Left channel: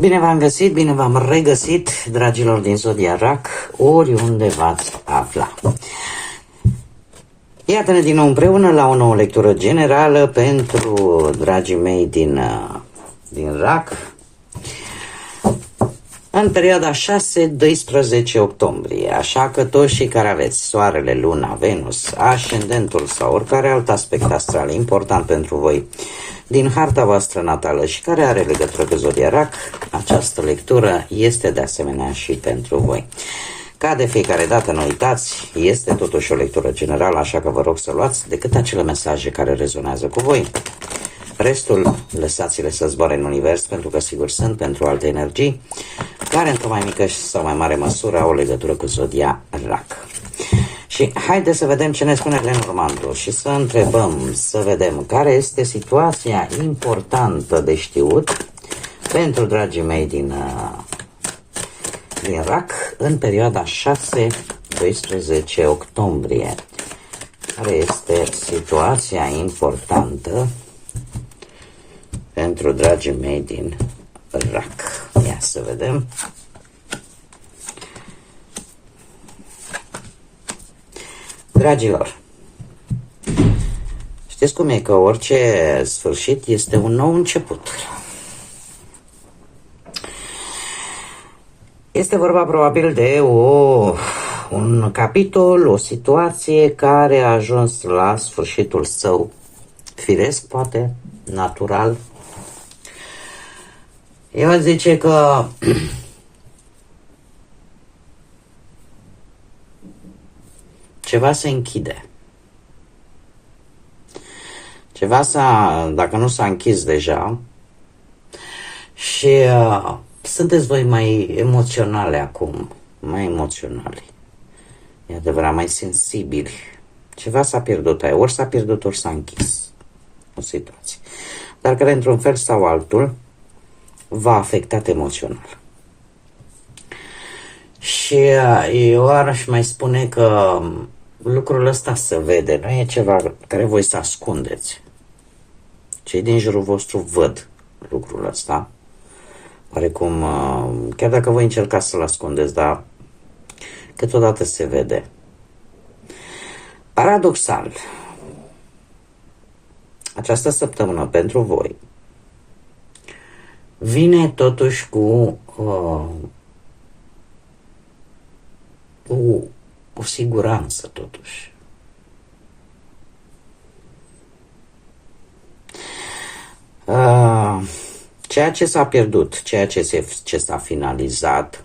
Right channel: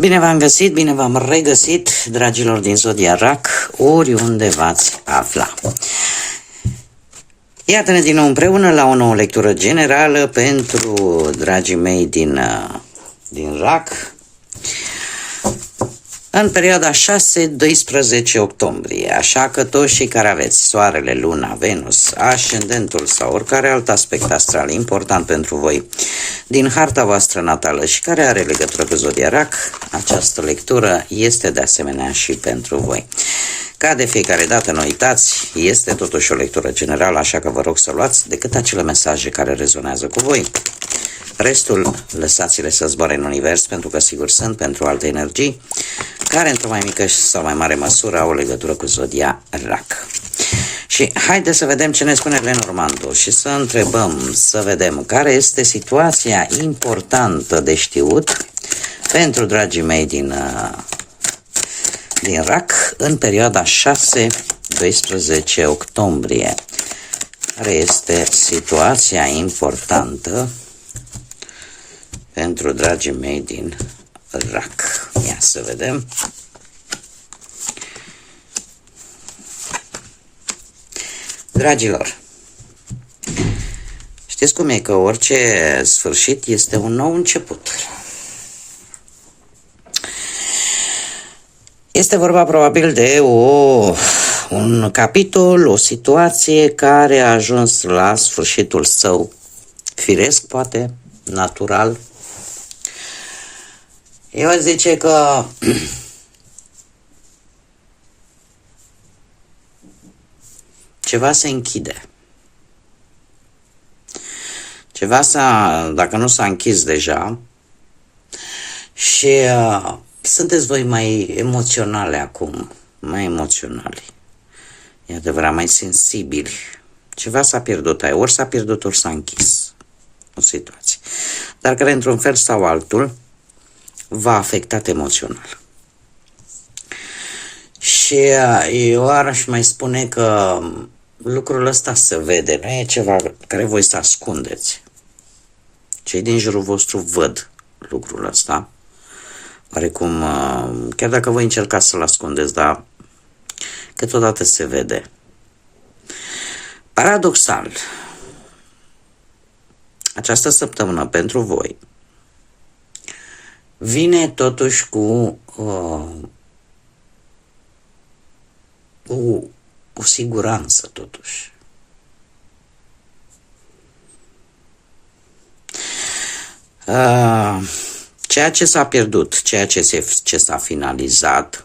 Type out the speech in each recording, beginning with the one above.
Bine v-am găsit, bine v-am regăsit, dragilor din Zodia RAC, oriunde v-ați afla. Iată-ne din nou împreună la o nouă lectură generală pentru dragii mei din RAC în perioada 6-12 octombrie, așa că toți cei care aveți Soarele, Luna, Venus, Ascendentul sau oricare alt aspect astral important pentru voi din harta voastră natală și care are legătură cu Zodia RAC, această lectură este de asemenea și pentru voi. Ca de fiecare dată, nu uitați, este totuși o lectură generală, așa că vă rog să luați decât acele mesaje care rezonează cu voi. Restul, lăsați-le să zboare în univers, pentru că sigur sunt pentru alte energii, care într-o mai mică sau mai mare măsură au o legătură cu Zodia RAC. Și haideți să vedem ce ne spune Lenormandu și să întrebăm, să vedem care este situația importantă de știut pentru dragii mei din RAC în perioada 6-12 octombrie. Care este situația importantă pentru dragii mei din RAC? Ia să vedem. Dragilor, știți cum e, că orice sfârșit este un nou început. Este vorba probabil de un capitol, o situație care a ajuns la sfârșitul său firesc, poate, natural. Eu aș zice că ceva se închide. Ceva dacă nu s-a închis deja, și sunteți voi mai emoționale acum, mai emoționali. E adevărat, mai sensibili. Ceva s-a pierdut, ori s-a pierdut, ori s-a închis o situație. Dar care, într-un fel sau altul, v-a afectat emoțional. Și eu aș mai spune că lucrul ăsta se vede, nu e ceva care voi să ascundeți. Cei din jurul vostru văd lucrul ăsta. Oarecum, chiar dacă voi încercați să-l ascundeți, dar câteodată se vede. Paradoxal, această săptămână pentru voi vine totuși cu o siguranță, totuși. Ceea ce s-a pierdut, ceea ce s-a finalizat,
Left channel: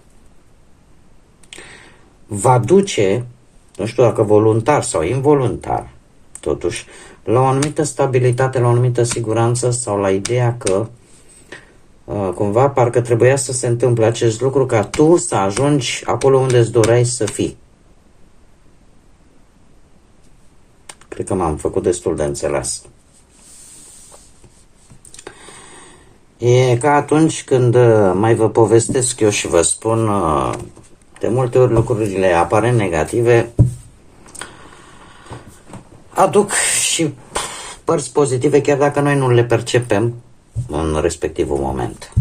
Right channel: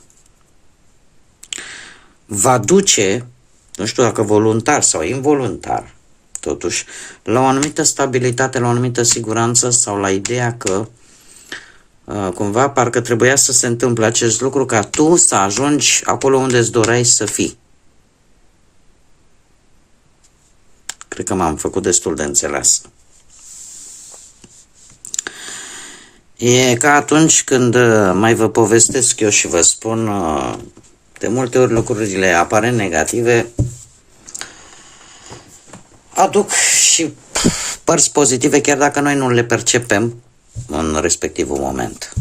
va duce, nu știu dacă voluntar sau involuntar, totuși, la o anumită stabilitate, la o anumită siguranță sau la ideea că cumva parcă trebuia să se întâmple acest lucru ca tu să ajungi acolo unde îți doreai să fii. Cred că m-am făcut destul de înțeles. E ca atunci când mai vă povestesc eu și vă spun, de multe ori lucrurile aparent negative aduc și părți pozitive, chiar dacă noi nu le percepem în respectivul moment.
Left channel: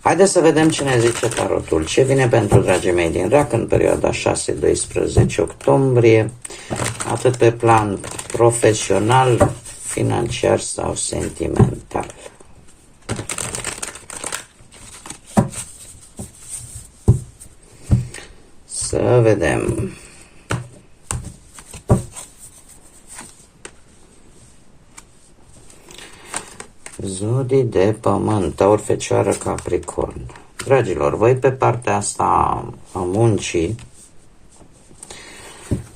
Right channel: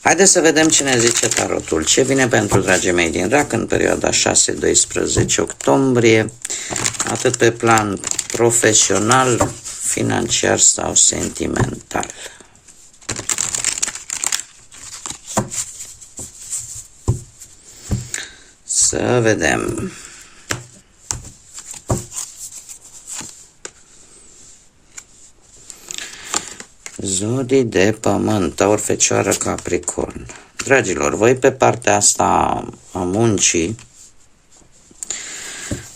Haideți să vedem ce ne zice tarotul. Ce vine pentru dragii mei din RAC în perioada 6-12 octombrie, atât pe plan profesional, financiar sau sentimental. Să vedem. Zodii de pământ, Taur, Fecioară, Capricorn. Dragilor, voi pe partea asta a muncii,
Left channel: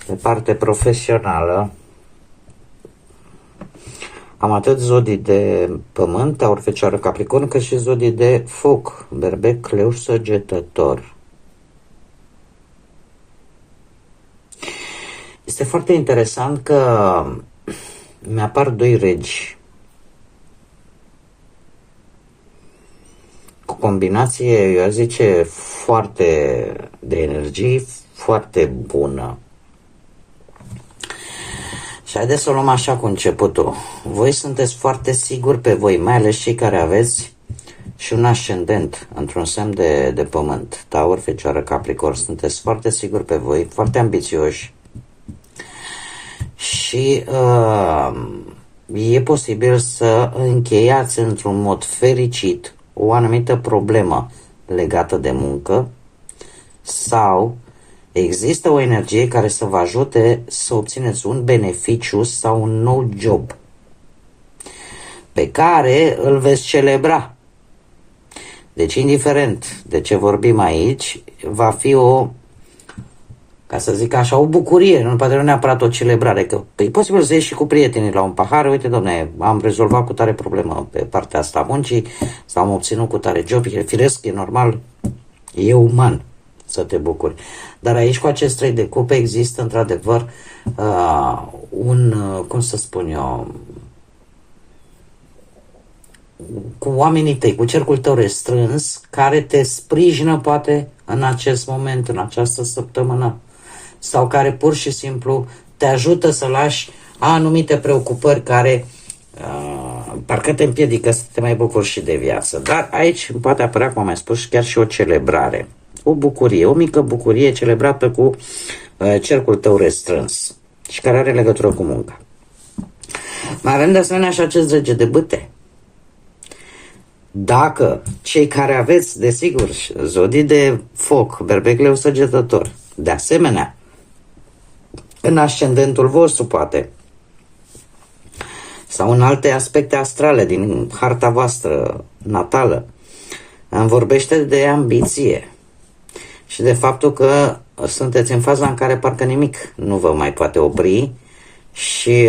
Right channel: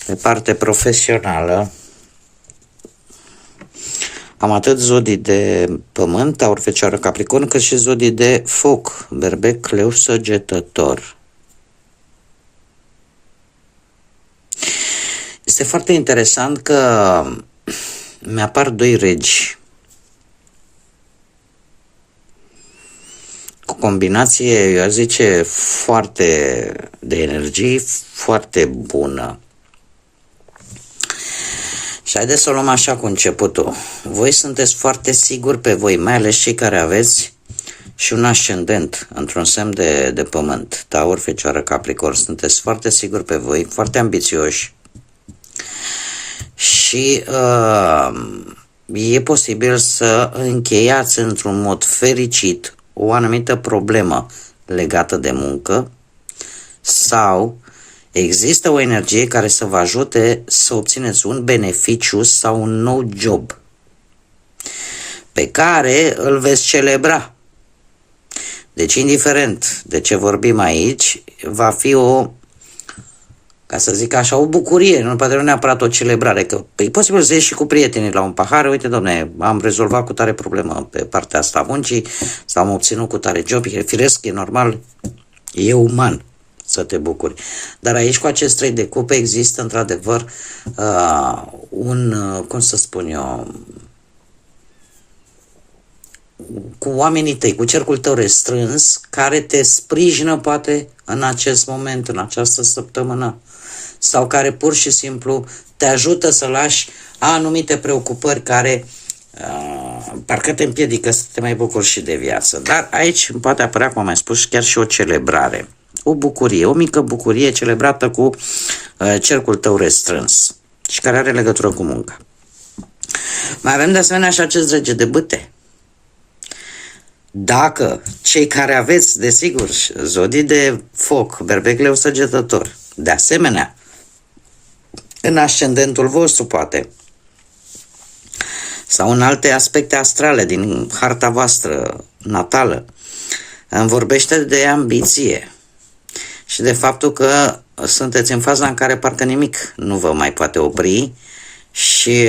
pe parte profesională, am atât zodii de pământ, Taur, Fecioară, Capricorn, cât și zodii de foc, Berbec, Leu, Săgetător. Este foarte interesant că mi-apar doi regi cu combinație, eu aș zice, foarte de energie, foarte bună. Și haideți să o luăm așa cu începutul. Voi sunteți foarte siguri pe voi, mai ales cei care aveți și un ascendent într-un semn de pământ, Taur, Fecioară, Capricorn. Sunteți foarte siguri pe voi, foarte ambițioși și e posibil să încheiați într-un mod fericit o anumită problemă legată de muncă sau există o energie care să vă ajute să obțineți un beneficiu sau un nou job pe care îl veți celebra. Deci, indiferent de ce vorbim aici, va fi o, ca să zic așa, o bucurie, nu poate nu neapărat o celebrare, că e posibil să ieși și cu prietenii la un pahar, uite, domne, am rezolvat cu tare problemă pe partea asta a muncii, sau am obținut cu tare job, e firesc, e normal, e uman să te bucuri. Dar aici, cu acest 3 de cupe, există, într-adevăr, cum să spun eu, cu oamenii tăi, cu cercul tău restrâns, care te sprijină, poate, în acest moment, în această săptămână, sau care pur și simplu te ajută să lași anumite preocupări care parcă te împiedică să te mai bucuri și de viață. Dar aici poate apărea, cum am mai spus, chiar și o celebrare. O bucurie, o mică bucurie celebrată cu cercul tău restrâns și care are legătură cu munca. Mai avem de asemenea și acest rege de bâte. Dacă cei care aveți, desigur, zodii de foc, berbec, leu, săgetător, de asemenea, în ascendentul vostru, poate, sau în alte aspecte astrale din harta voastră natală, îmi vorbește de ambiție și de faptul că sunteți în faza în care parcă nimic nu vă mai poate opri și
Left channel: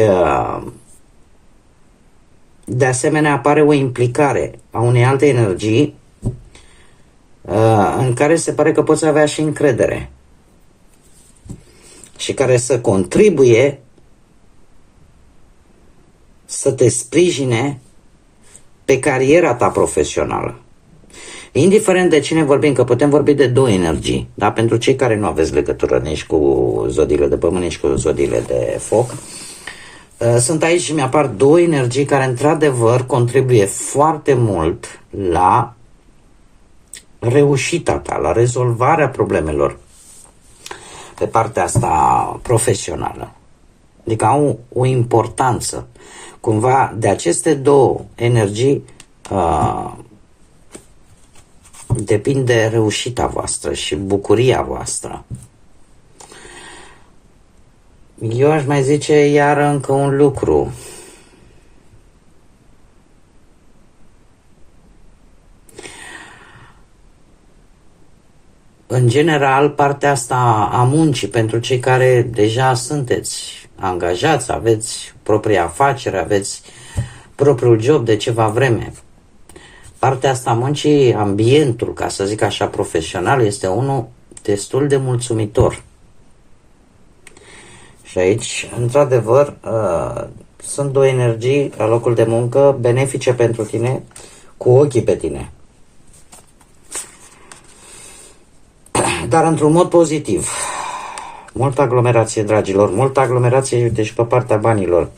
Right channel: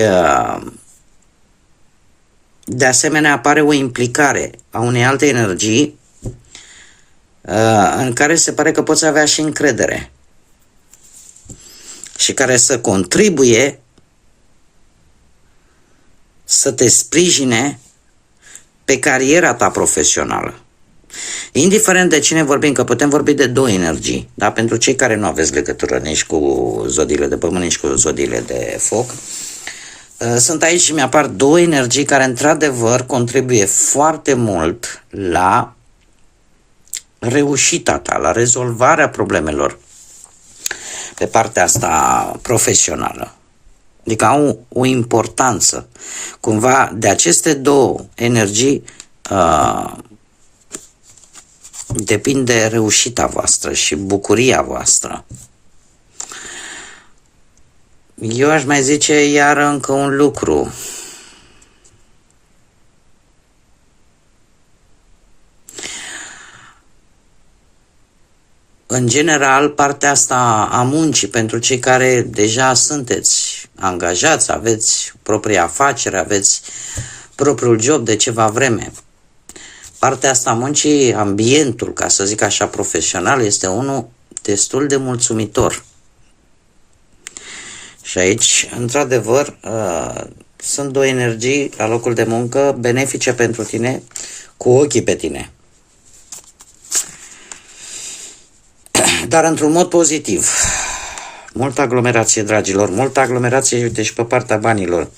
de asemenea apare o implicare a unei alte energii în care se pare că poți avea și încredere și care să contribuie să te sprijine pe cariera ta profesională. Indiferent de cine vorbim, că putem vorbi de două energii, da? Pentru cei care nu aveți legătură nici cu zodiile de pământ, nici cu zodiile de foc, sunt aici și mi-apar două energii care într-adevăr contribuie foarte mult la reușita ta, la rezolvarea problemelor pe partea asta profesională. Adică au o importanță. Cumva de aceste două energii depinde reușita voastră și bucuria voastră. Eu aș mai zice iar încă un lucru. În general, partea asta a muncii, pentru cei care deja sunteți angajați, aveți propria afacere, aveți propriul job de ceva vreme, partea asta a muncii, ambientul, ca să zic așa, profesional, este unul destul de mulțumitor. Și aici, într-adevăr, sunt două energii la locul de muncă benefice pentru tine, cu ochii pe tine. Dar într-un mod pozitiv. Multă aglomerație, dragilor, multă aglomerație, uite, și pe partea banilor.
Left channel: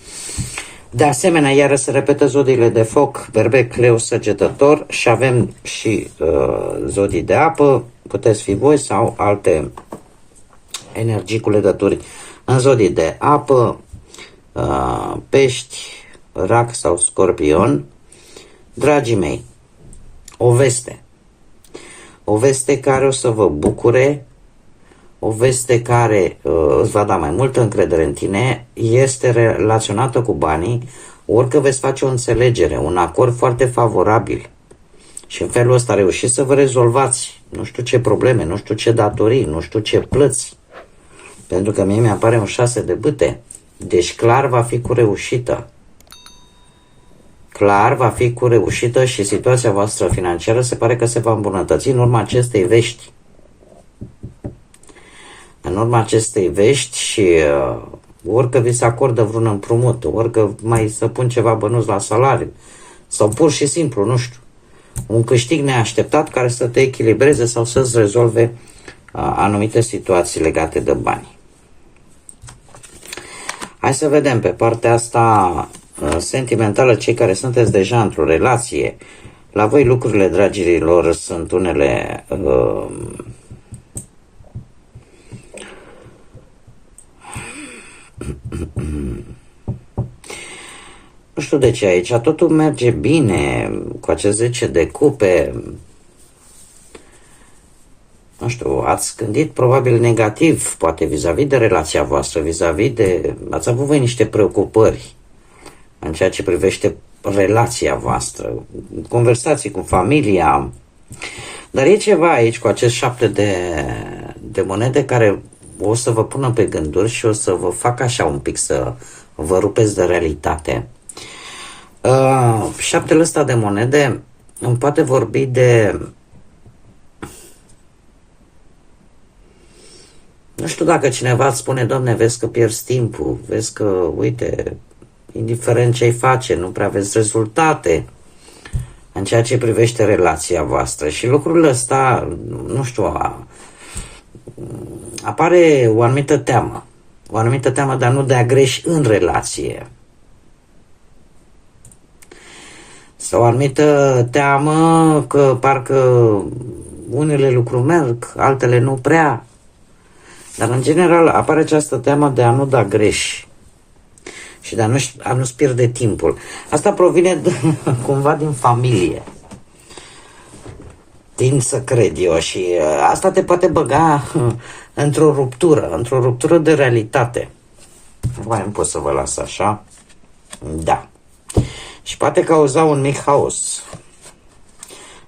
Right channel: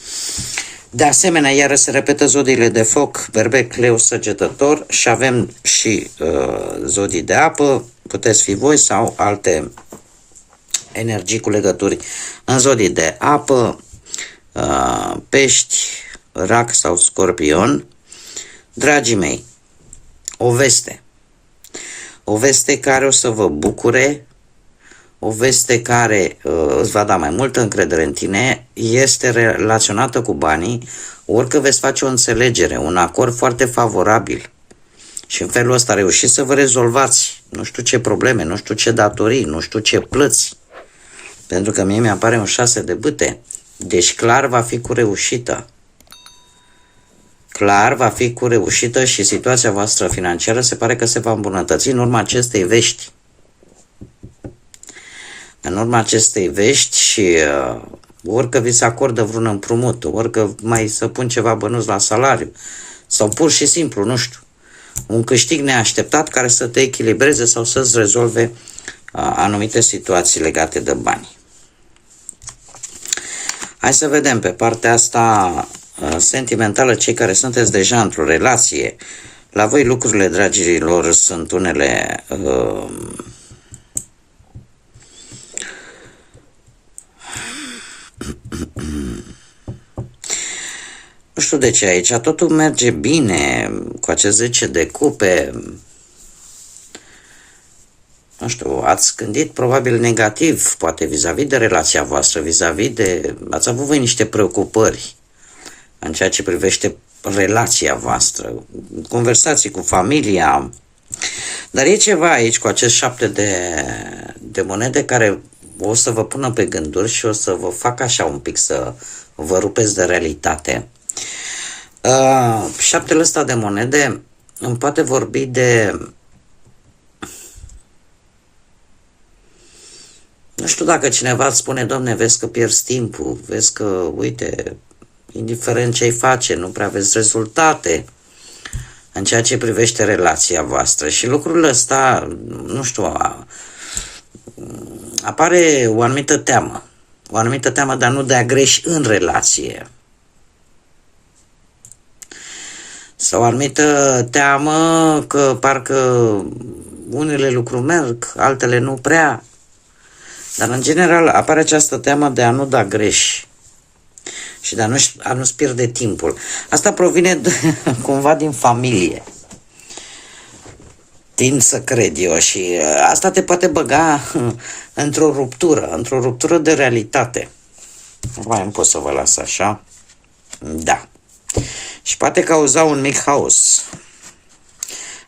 De asemenea, iară se repetă zodiile de foc, berbec, leu, săgetător și avem și zodii de apă, puteți fi voi sau alte energii cu legături în zodii de apă, pești, rac sau scorpion. Dragii mei, o veste care o să vă bucure, o veste care îți va da mai multă încredere în tine, este relaționată cu banii, orică veți face o înțelegere, un acord foarte favorabil și în felul ăsta reușiți să vă rezolvați nu știu ce probleme, nu știu ce datorii, nu știu ce plăți, pentru că mie mi-apare un 6 de bâte, deci clar va fi cu reușită. Clar va fi cu reușită și situația voastră financiară se pare că se va îmbunătăți în urma acestei vești. În urma acestei vești și orică vi se acordă vreun împrumut, orică mai să pun ceva bănuți la salariu sau pur și simplu, nu știu, un câștig neașteptat care să te echilibreze sau să-ți rezolve anumite situații legate de bani. Hai să vedem pe partea asta sentimentală, cei care sunteți deja într-o relație. La voi lucrurile, dragilor, sunt unele nu știu de ce aici, totul merge bine cu acest 10 de cupe. Nu știu, ați gândit probabil negativ, poate vis-a-vis de relația voastră, vis-a-vis de... Ați avut voi niște preocupări în ceea ce privește relația voastră, conversații cu familia. Dar e ceva aici cu acest 7 de monede care o să vă pună pe gânduri și o să vă facă așa un pic să vă rupeți de realitate. 7-ul ăsta de monede îmi poate vorbi de... Nu știu dacă cineva îți spune, Doamne, vezi că pierzi timpul, vezi că, uite, indiferent ce-i face, nu prea vezi rezultate în ceea ce privește relația voastră. Și lucrul ăsta, nu știu, apare o anumită teamă, dar nu de a greși în relație. Sau o anumită teamă că parcă unele lucruri merg, altele nu prea. Dar în general apare această teamă de a nu da greș și de a nu-ți pierde timpul. Asta provine cumva din familie. Tind să cred eu și asta te poate băga într-o ruptură de realitate. Mai pot să vă las așa? Da. Și poate cauza un mic haos.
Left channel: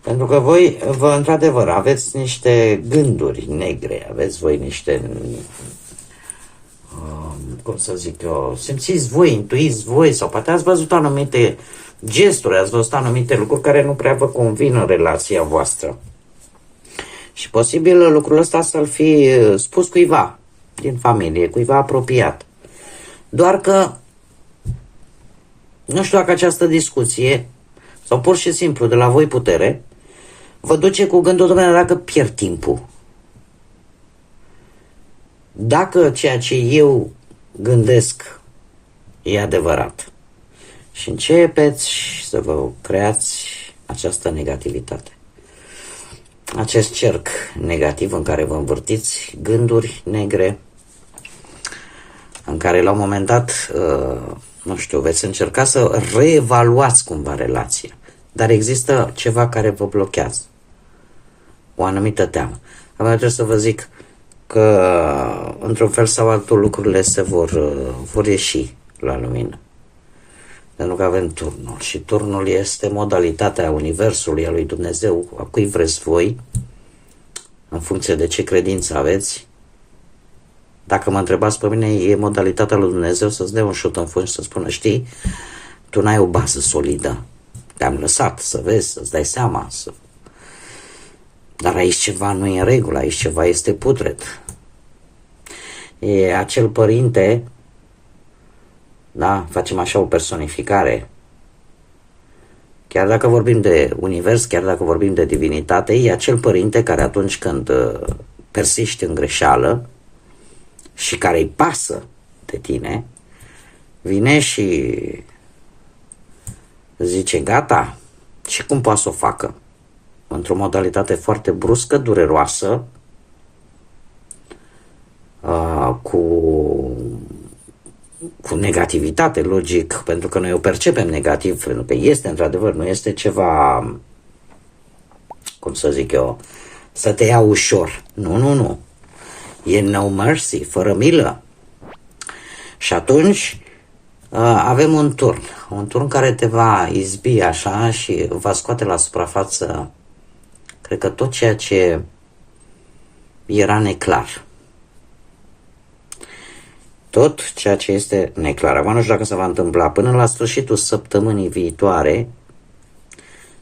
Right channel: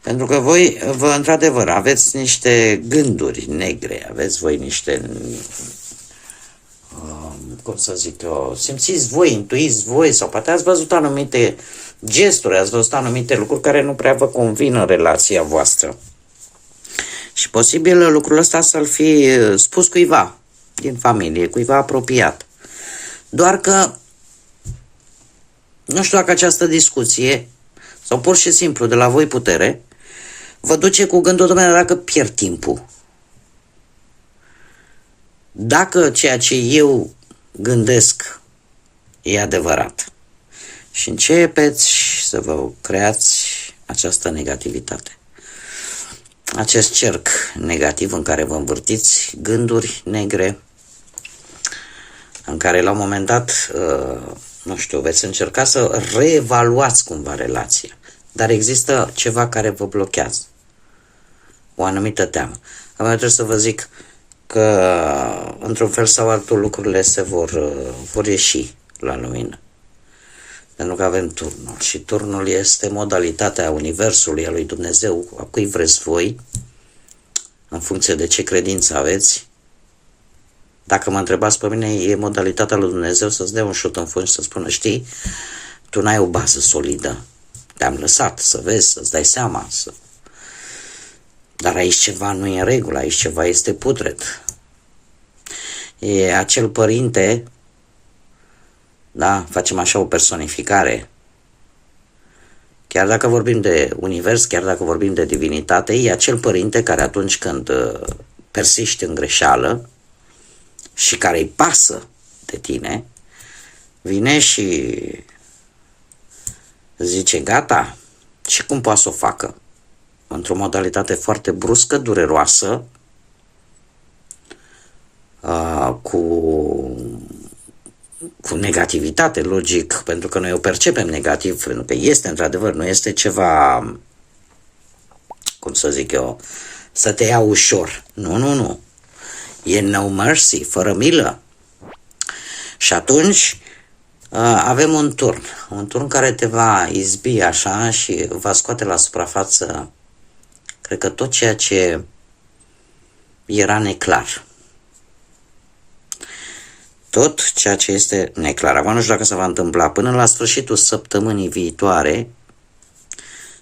Pentru că voi, într-adevăr, aveți niște gânduri negre, aveți voi niște, cum să zic eu, simțiți voi, intuiți voi, sau poate ați văzut anumite gesturi, ați văzut anumite lucruri care nu prea vă convin în relația voastră. Și posibil lucrul ăsta să-l fi spus cuiva din familie, cuiva apropiat. Doar că nu știu dacă această discuție, sau pur și simplu de la voi putere, vă duce cu gândul, domnule, dacă pierd timpul. Dacă ceea ce eu gândesc e adevărat. Și începeți să vă creați această negativitate. Acest cerc negativ în care vă învârtiți gânduri negre, în care la un moment dat, nu știu, veți încerca să reevaluați cumva relația. Dar există ceva care vă blochează. O anumită teamă. Acum trebuie să vă zic că într-un fel sau altul lucrurile se vor ieși la lumină. Pentru că avem turnul și turnul este modalitatea Universului, a lui Dumnezeu, a cui vreți voi, în funcție de ce credință aveți. Dacă mă întrebați pe mine, e modalitatea lui Dumnezeu să-ți dea un șut în fund și să spună, știi, tu n-ai o bază solidă, te-am lăsat să vezi, să-ți dai seama, dar aici ceva nu e în regulă, aici ceva este putred. E acel părinte, da, facem așa o personificare. Chiar dacă vorbim de univers, chiar dacă vorbim de divinitate, e acel părinte care atunci când persiști în greșeală și care îi pasă de tine, vine și zice, gata, și cum poate să o facă? Într-o modalitate foarte bruscă, dureroasă, cu negativitate, logic, pentru că noi o percepem negativ, pentru că este într-adevăr, nu este ceva, cum să zic eu, să te ia ușor. Nu. E no mercy, fără milă. Și atunci avem un turn care te va izbi așa și va scoate la suprafață, cred că tot ceea ce era neclar. Tot ceea ce este neclar. Acum nu știu dacă se va întâmpla până la sfârșitul săptămânii viitoare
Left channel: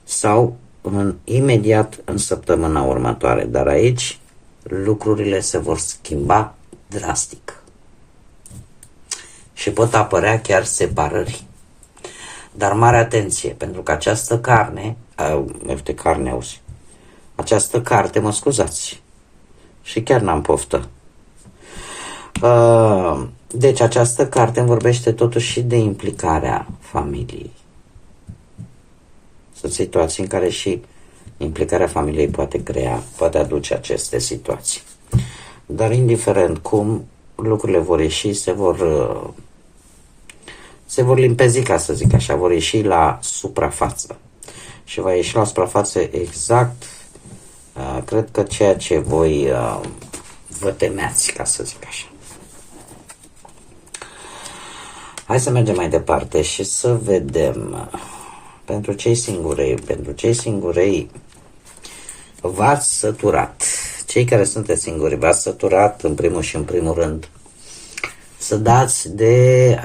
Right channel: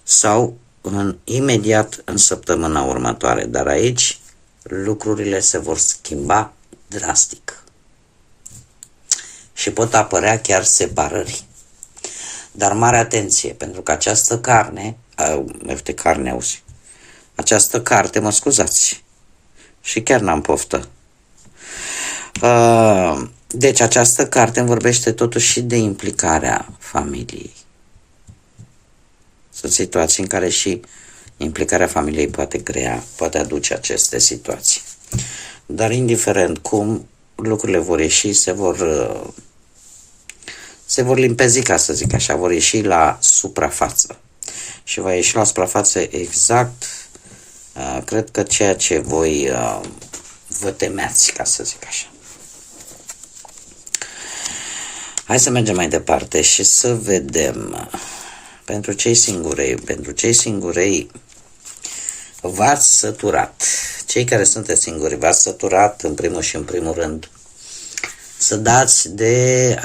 sau imediat în săptămâna următoare. Dar aici lucrurile se vor schimba drastic. Și pot apărea chiar separări. Dar mare atenție, pentru că această această carte, mă scuzați, și chiar n-am poftă. Deci această carte îmi vorbește totuși și de implicarea familiei. Sunt situații în care și implicarea familiei poate aduce aceste situații. Dar indiferent cum lucrurile vor ieși, se vor limpezi, ca să zic așa, vor ieși la suprafață. Și va ieși la suprafață exact, cred că ceea ce voi vă temeați, ca să zic așa. Hai să mergem mai departe și să vedem. Pentru cei singurei v-ați săturat. Cei care sunteți singuri v-ați săturat în primul rând să dați de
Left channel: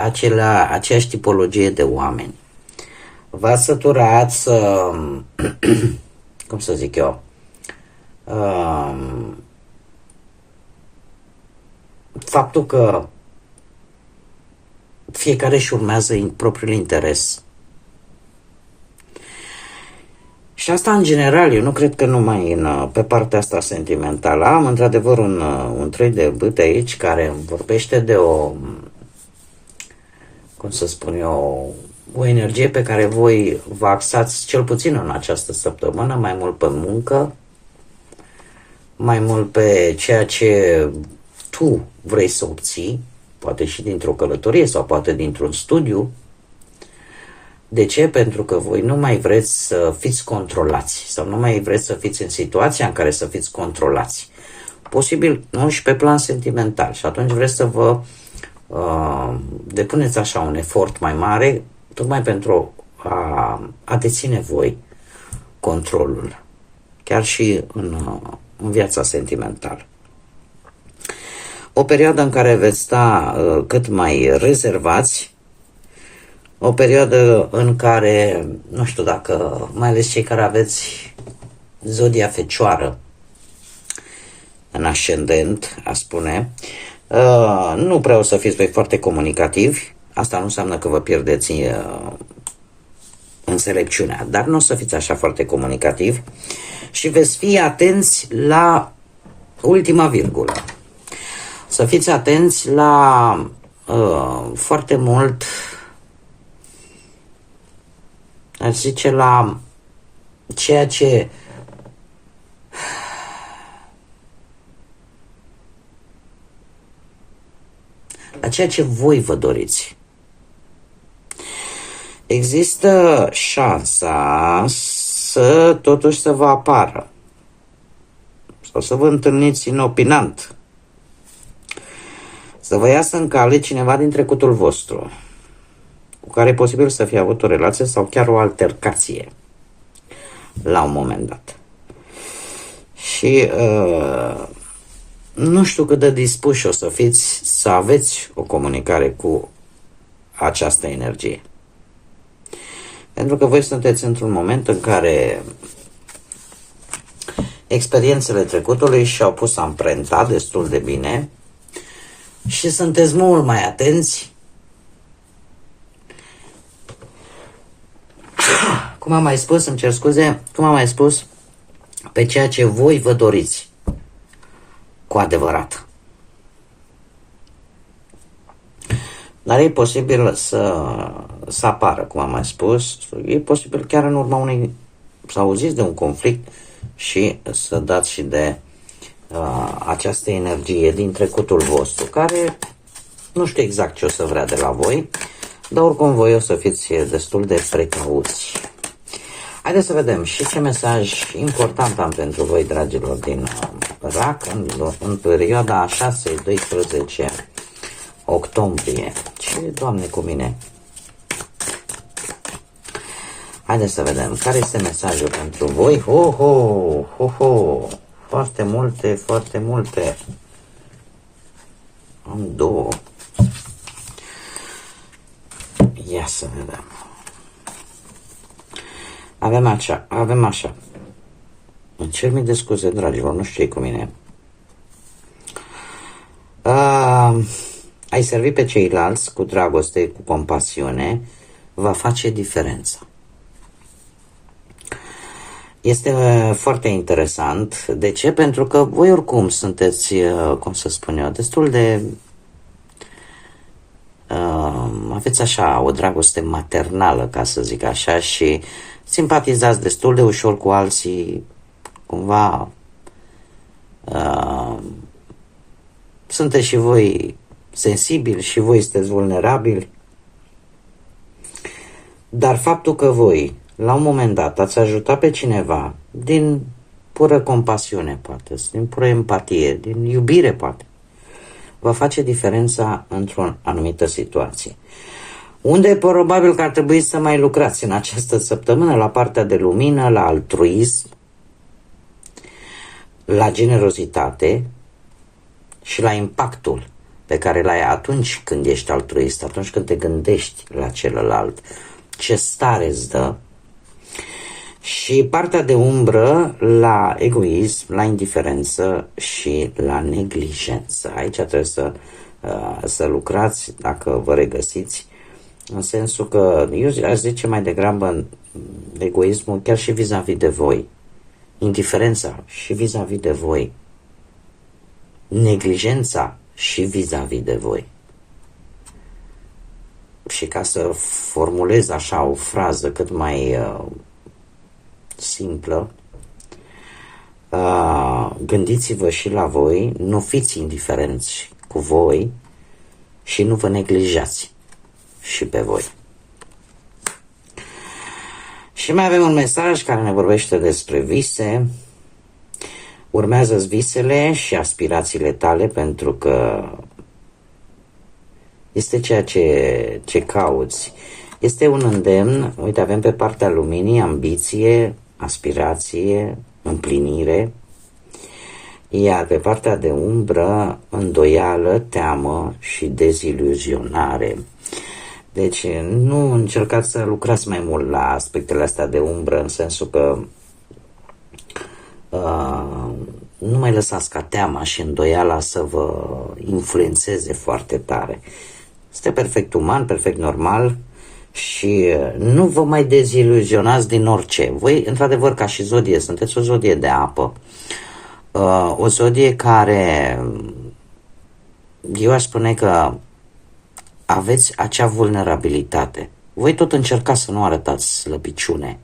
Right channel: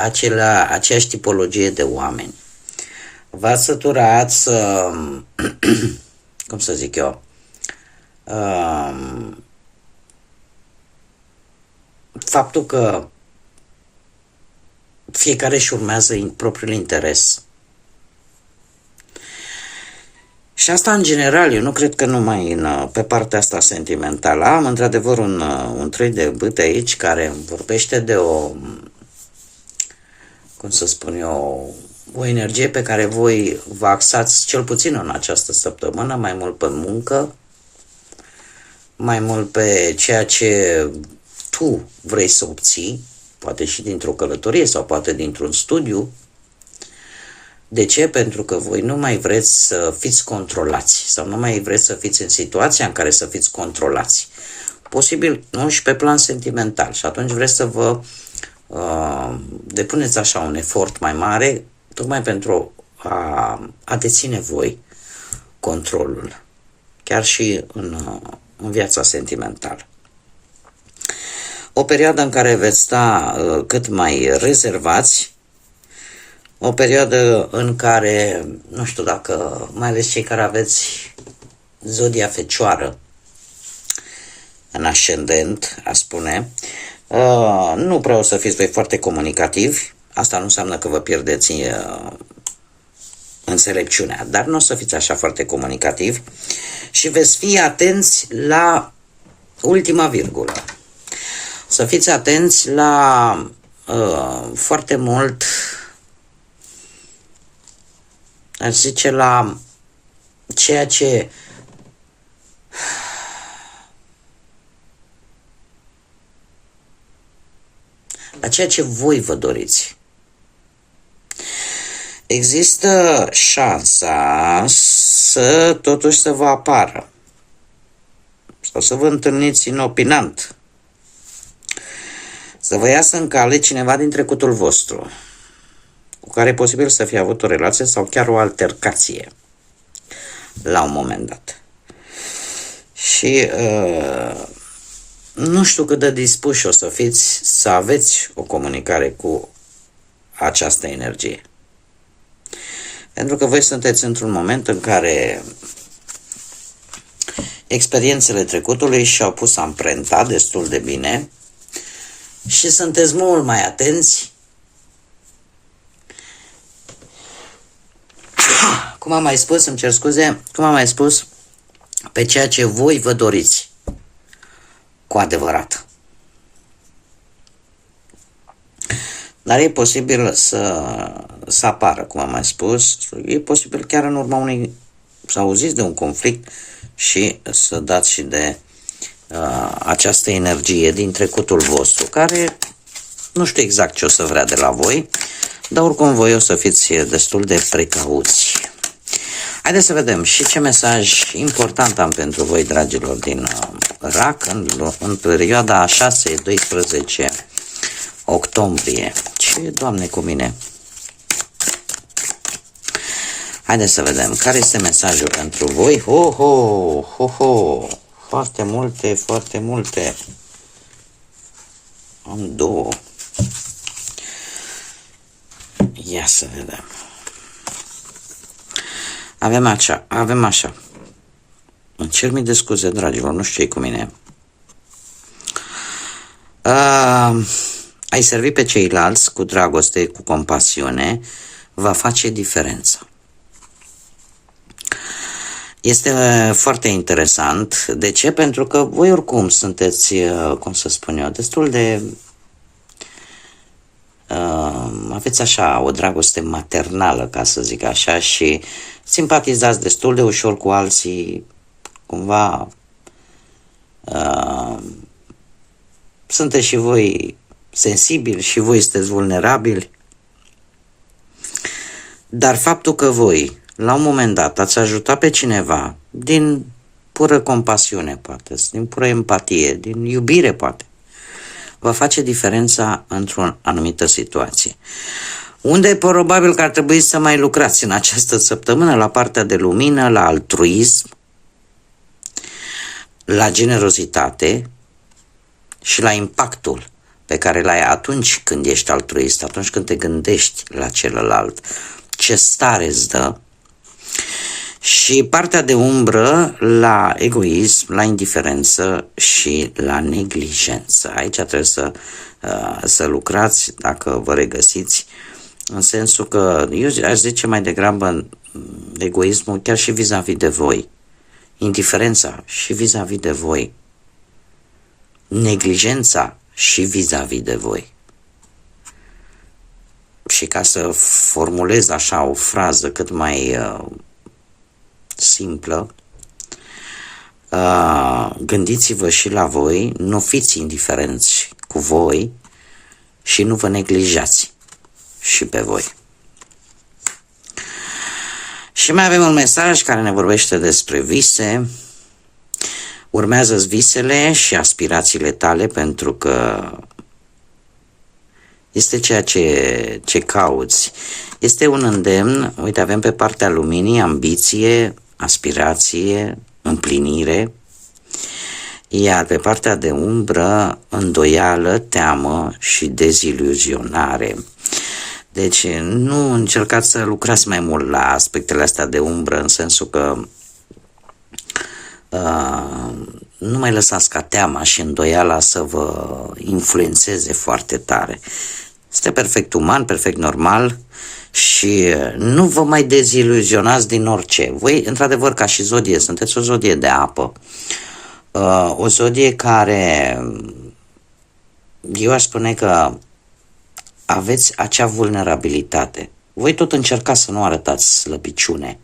aceeași tipologie de oameni. V-ați săturat să, cum să zic eu, faptul că fiecare își urmează propriul interes. Și asta în general, eu nu cred că numai pe partea asta sentimentală. Am într-adevăr un trei de bâte aici care îmi vorbește de o energie pe care voi vă axați cel puțin în această săptămână, mai mult pe muncă, mai mult pe ceea ce tu vrei să obții, poate și dintr-o călătorie sau poate dintr-un studiu. De ce? Pentru că voi nu mai vreți să fiți controlați sau nu mai vreți să fiți în situația în care să fiți controlați. Posibil, nu, și pe plan sentimental. Și atunci vreți să vă depuneți așa un efort mai mare, tocmai pentru a deține voi controlul, chiar și în viața sentimentală. O perioadă în care veți sta cât mai rezervați, o perioadă în care, nu știu dacă, mai ales cei care aveți zodia Fecioară în ascendent, a spune, nu prea o să fiți voi foarte comunicativi. Asta nu înseamnă că vă pierdeți înțelepciunea, dar nu o să fiți așa foarte comunicativi și veți fi atenți la ultima virgulă. Să fiți atenți la foarte mult, aș zice, la ceea ce voi vă doriți. Există șansa totuși să vă apară sau să vă întâlniți inopinant, să vă iasă în cale cineva din trecutul vostru cu care e posibil să fie avut o relație sau chiar o altercație la un moment dat. Și nu știu cât de dispuși o să fiți să aveți o comunicare cu această energie. Pentru că voi sunteți într-un moment în care experiențele trecutului și-au pus amprenta destul de bine și sunteți mult mai atenți, cum am mai spus, pe ceea ce voi vă doriți cu adevărat. Dar e posibil să apară, cum am mai spus, e posibil chiar în urma să auziți de un conflict și să dați și de această energie din trecutul vostru, care nu știu exact ce o să vrea de la voi, dar oricum voi o să fiți destul de precauți. Haideți să vedem și ce mesaj important am pentru voi, dragilor, din RAC în perioada 6-12 octombrie. Ce, Doamne, cu mine? Haideți să vedem care este mesajul pentru voi. Foarte multe. Am două. Ia să vedem. Avem așa. Îmi cer mii de scuze, dragilor, nu știu ce cu mine. Ai servi pe ceilalți cu dragoste, cu compasiune, va face diferență. Este foarte interesant. De ce? Pentru că voi oricum sunteți, cum să spun eu, destul de aveți așa o dragoste maternală, ca să zic așa, și simpatizați destul de ușor cu alții, cumva sunteți și voi sensibili și voi sunteți vulnerabili, dar faptul că voi, la un moment dat, ați ajutat pe cineva din pură compasiune, poate, din pură empatie, din iubire, poate, va face diferența într-o anumită situație. Unde probabil că ar trebui să mai lucrați în această săptămână la partea de lumină, la altruism, la generozitate și la impactul pe care l-ai atunci când ești altruist, atunci când te gândești la celălalt, ce stare îți dă, și partea de umbră la egoism, la indiferență și la neglijență. Aici trebuie să lucrați, dacă vă regăsiți, în sensul că eu aș zice mai degrabă egoismul chiar și vis-a-vis de voi, indiferența și vis-a-vis de voi, neglijența și vis-a-vis de voi. Și ca să formulez așa o frază cât mai simplă, gândiți-vă și la voi, nu fiți indiferenți cu voi și nu vă neglijați și pe voi. Și mai avem un mesaj care ne vorbește despre vise. Urmează-ți visele și aspirațiile tale, pentru că este ceea ce cauți. Este un îndemn, uite, avem pe partea luminii ambiție, aspirație, împlinire, iar pe partea de umbră îndoială, teamă și deziluzionare. Deci nu încercați să lucrați mai mult la aspectele astea de umbră, în sensul că nu mai lăsați ca teama și îndoiala să vă influențeze foarte tare. Este perfect uman, perfect normal și nu vă mai deziluzionați din orice. Voi, într-adevăr, ca și zodie, sunteți o zodie de apă. O zodie care, eu aș spune că aveți acea vulnerabilitate. Voi tot încercați să nu arătați slăbiciune,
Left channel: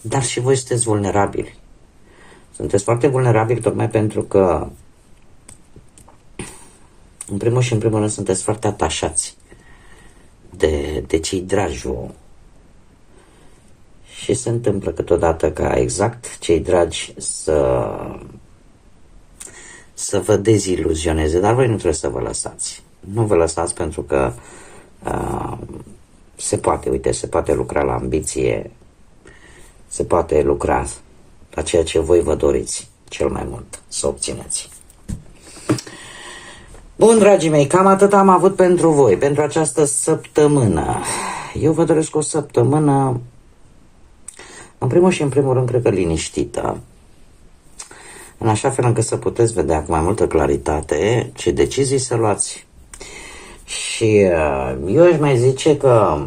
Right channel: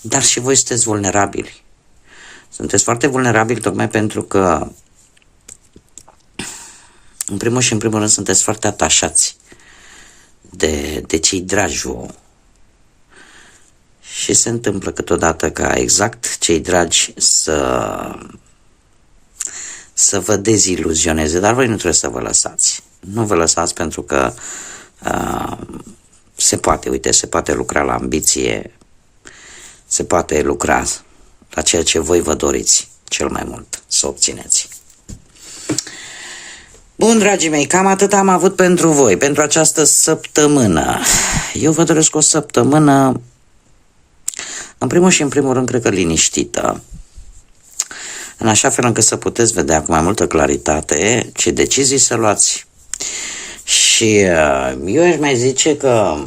dar și voi sunteți vulnerabili. Sunteți foarte vulnerabili tocmai pentru că, în primul și în primul rând, sunteți foarte atașați de cei dragi vouă. Și se întâmplă câteodată ca exact cei dragi să vă deziluzioneze, dar voi nu trebuie să vă lăsați. Nu vă lăsați, pentru că se poate, uite, se poate lucra la ambiție, se poate lucra la ceea ce voi vă doriți cel mai mult să obțineți. Bun, dragii mei, cam atât am avut pentru voi, pentru această săptămână. Eu vă doresc o săptămână, în primul și în primul rând, cred că liniștită, în așa fel încât să puteți vedea cu mai multă claritate ce decizii să luați. Și eu aș mai zice că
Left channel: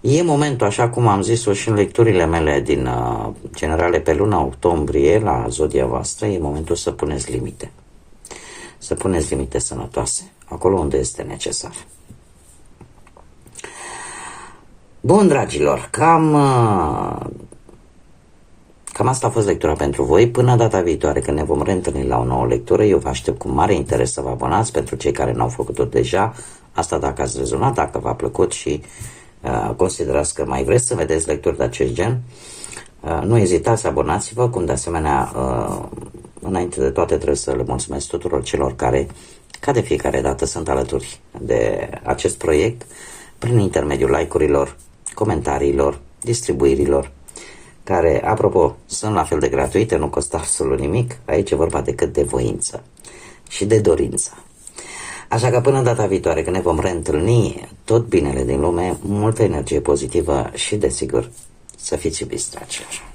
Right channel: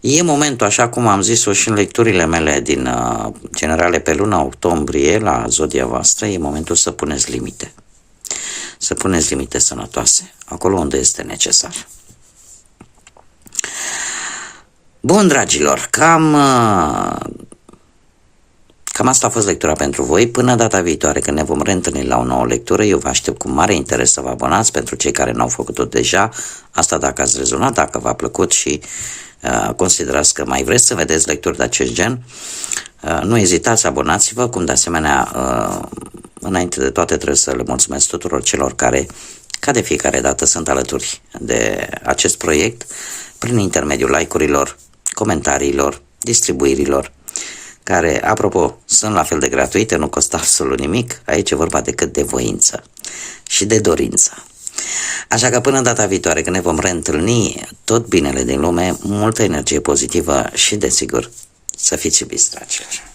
e momentul, așa cum am zis-o și în lecturile mele din generale pe luna octombrie la zodia voastră, e momentul să puneți limite. Să puneți limite sănătoase, acolo unde este necesar. Bun, dragilor, cam asta a fost lectura pentru voi. Până data viitoare, când ne vom reîntâlni la o nouă lectură, eu vă aștept cu mare interes să vă abonați, pentru cei care n-au făcut-o deja. Asta dacă ați rezonat, dacă v-a plăcut și considerați că mai vreți să vedeți lecturi de acest gen, nu ezitați, abonați-vă, cum de asemenea, înainte de toate trebuie să le mulțumesc tuturor celor care, ca de fiecare dată, sunt alături de acest proiect, prin intermediul like-urilor, comentariilor, distribuirilor, care, apropo, sunt la fel de gratuite, nu costă absolut nimic. Aici e vorba decât de voință și de dorință. Așa că până data viitoare, când ne vom reîntâlni, tot binele din lume, multă energie pozitivă și, desigur, să fiți iubiți, dragilor.